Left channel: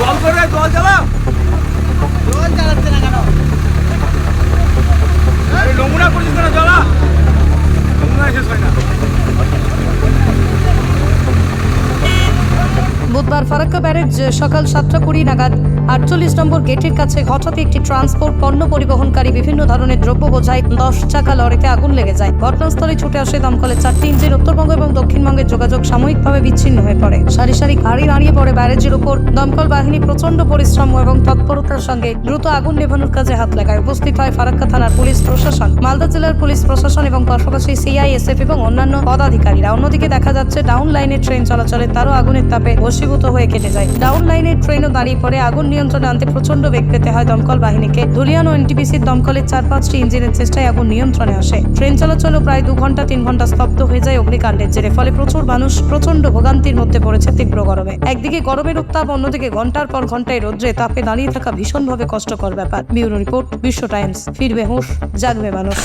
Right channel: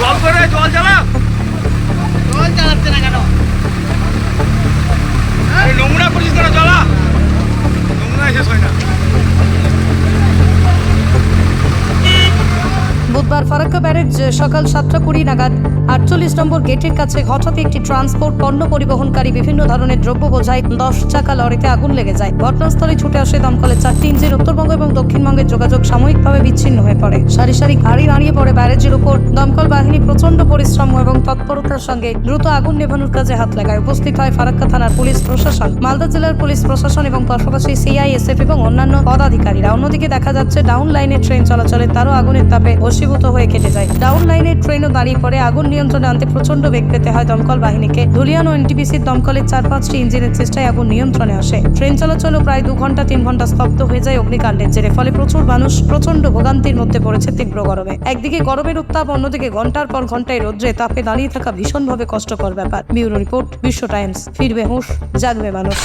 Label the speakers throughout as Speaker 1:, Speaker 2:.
Speaker 1: জল করে জল জ্বালা।
Speaker 2: জল না কেন?
Speaker 1: নমুনা করিস কেন জ্বালা
Speaker 3: বুধবার ফারাক্কা ব্যারেজ সকাল সাতটা কুড়ি নাগাদ আটচল্লিশ নম্বর গেটের কাছে হঠাৎ একটি ট্রান্সপোর্ট পণ্য পরিবহনকারী বিভিন্ন ধরনের দ্রব্য বোঝায় দশ চাকা লরিতে আগুন লেগে যায়। ঘটনাস্থলে ছুটে আসে দমকলের চারটি ইঞ্জিন। উত্তরবঙ্গ এবং দক্ষিণবঙ্গের যোগাযোগ সাময়িকভাবে বিচ্ছিন্ন হয়ে পড়ে। সারি সারি গাড়ি দাঁড়িয়ে পড়ে ব্যারেজের উপর। দমকল বাহিনী প্রচণ্ড পরিশ্রম এবং তৎপরতার সঙ্গে দ্রুত আগুন নেভানোর কাজে হাত লাগায়। উপস্থিত হয় ফারাক্কা থানার পুলিশ প্রশাসন, মালদা জেলার পুলিশ প্রশাসন এবং পাশাপাশি সিআইএসএফ এবং অন্যান্য পদাধিকারীরা। অন্যদিকে দেখা যাচ্ছে, ডাউন লাইনে ট্রেন চলাচলে তারও আগুনের তাপে বশীভূত হয়ে কেটে যায়। ডাউন লাইনের ট্রেনও দাঁড়িয়ে পড়ে। আগুন নিয়ন্ত্রণে আনতে প্রচণ্ড বেগ পেতে হয় দমকল বাহিনীকে। ধুলিয়ান ও এনটিপিসির দমকলের চার পাঁচটি ইঞ্জিনের চেষ্টায় আগুন নিয়ন্ত্রণে আসে। ট্রেন চলাচলও প্রায় দু ঘণ্টা তিন ঘণ্টা স্তব্ধ হয়ে যায় অগ্নিকাণ্ডের জেরে, ফলে প্রচুর মানুষ প্রচণ্ড ভোগান্তির মধ্যে পড়েছে তীব্র গরমে। একদিকে গরমের উত্তাপ, অন্যদিকে ঘণ্টার পর ঘন্টায় রোদ্রে তাপে দাঁড়িয়ে থাকা ভীষণভাবে কষ্টকর ব্যাপার। ব্যুরো রিপোর্ট, বিশ্ব টাইমস। ফিরবে হুঁশ, জাগবে মানুষ।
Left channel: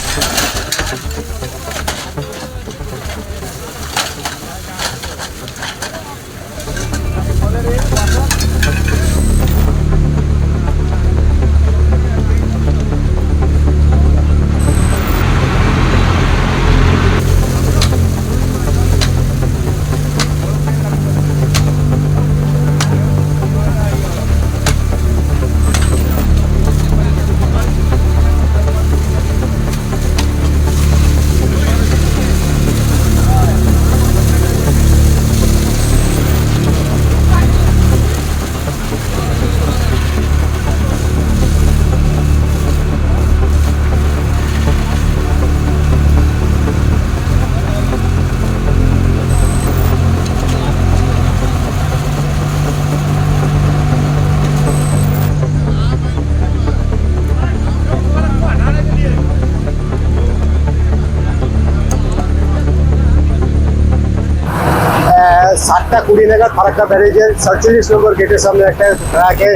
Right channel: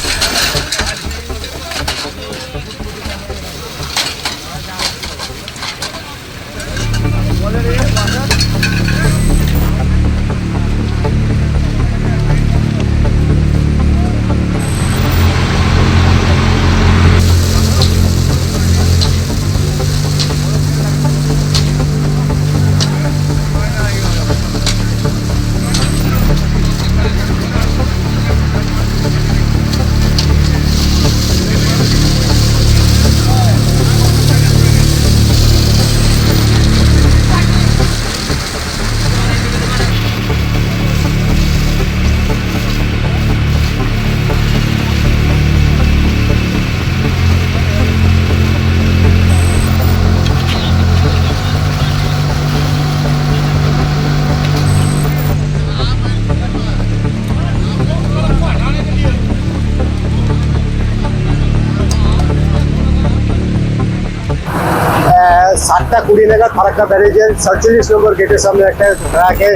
Speaker 4: সাতটা কুড়ি নাগাদ ফারাক্কা ব্যারেজের সাতচল্লিশ নম্বর গেটের সামনে একটা ট্রাকে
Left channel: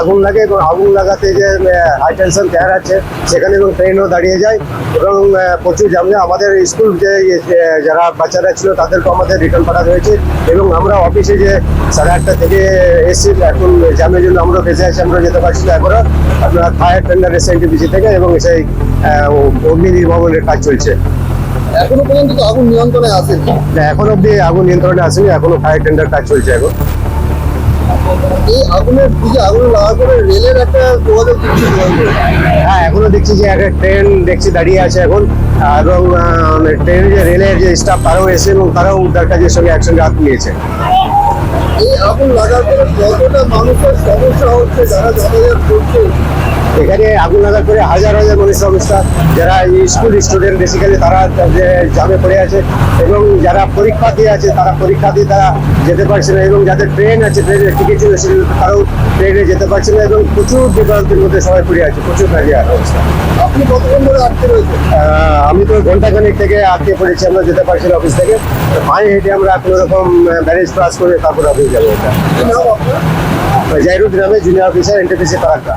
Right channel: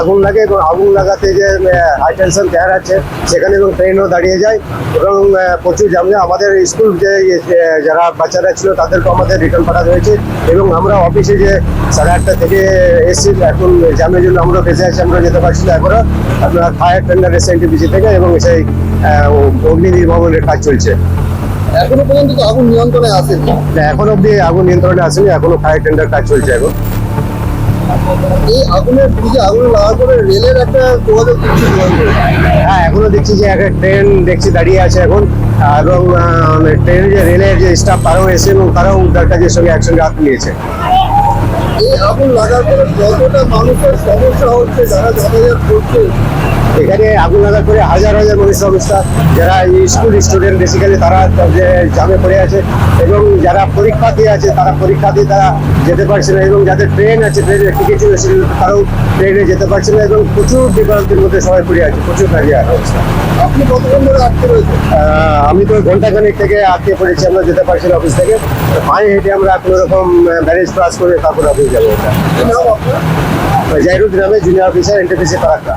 Speaker 4: আগুন লাগে এবং আগুন লাগাতে যে হাই টেনশন চেয়ার আছে, সেখানে এবং ট্রেনও দাঁড়িয়ে যায় এবং প্রচুর জামে আমাদের স্কুল যে যারা বাচ্চারা ছিল তাদেরকে আমাদের রিটার্ন পাঠানো হয়েছে এবং আমরা অফিসে যে সাড়ে আটটা থেকে এসেছি, এখন জামের জন্য আমরা বেঁচে আছি, আমরা যেতে পারছি না এখনও। আপনার ফায়ার টেন্ডার এসে এনটিপিসি থেকে এবং সেই অগ্নি নির্বাপনের কাজ চলছে।
Speaker 2: এখনও পর্যন্ত তো আগুন নিয়ন্ত্রণে আসেনি।
Speaker 4: না, এখন অব্দি আগুন নিয়ন্ত্রণে আসেনি এখনও ফায়ার টেন্ডার কাজ চলছে এখন।
Speaker 2: এই আগুনের দিকে আগুন লাগার পরে রেলের একটা যোগাযোগ হ্যাঁ
Speaker 4: এখনও দেখছি যে একটা ট্রেন দেখছি দাঁড়িয়ে আছে এখন এবং ট্রেনের যে রেলের যে স্টাফ তারাও এসে এবং তারাও উদ্ধার কাজের সঙ্গে একসঙ্গে হাত নিয়েছে
Speaker 2: এই আগুন লাগার পরে যতটা মানুষের সমস্যা হচ্ছে যারা যাতায়াত করছে
Speaker 4: এখানে আগুন লাগার করে হাজার হাজার মানুষ সংস্থা যারা স্কুল স্টুডেন্ট বেসিক্যালি তারা যে জামে পড়ে আছে এবং যারা পরীক্ষা দিয়ে আছে তারা পরীক্ষা দিয়ে তারা যেতে পারছে না এবং যাদের ট্রেন আছে ট্রেনের টিকিট ছিল তারাও ট্রেনে যেতে পারছে না এবং প্রচুর বিভ্রান্তির মধ্যে সবাই পড়ে আছে প্রচুর কাজে অবস্থা।
Speaker 2: আপনি কতক্ষণ ধরে আটকে রয়েছে
Speaker 4: আহ, আমি তো ঘন্টাখানেক থেকে আটকে পড়েছি আমরা যেতে পারছি না অফিস থেকে। পায়ে হেঁটে আমরা কোনো রকম ব্যারেজ ক্রস করে তারপর অফিস যাব। জাহিরুদ্দিন নামে জুনিয়র অফিসার এনটিপিসি ফারাক্কা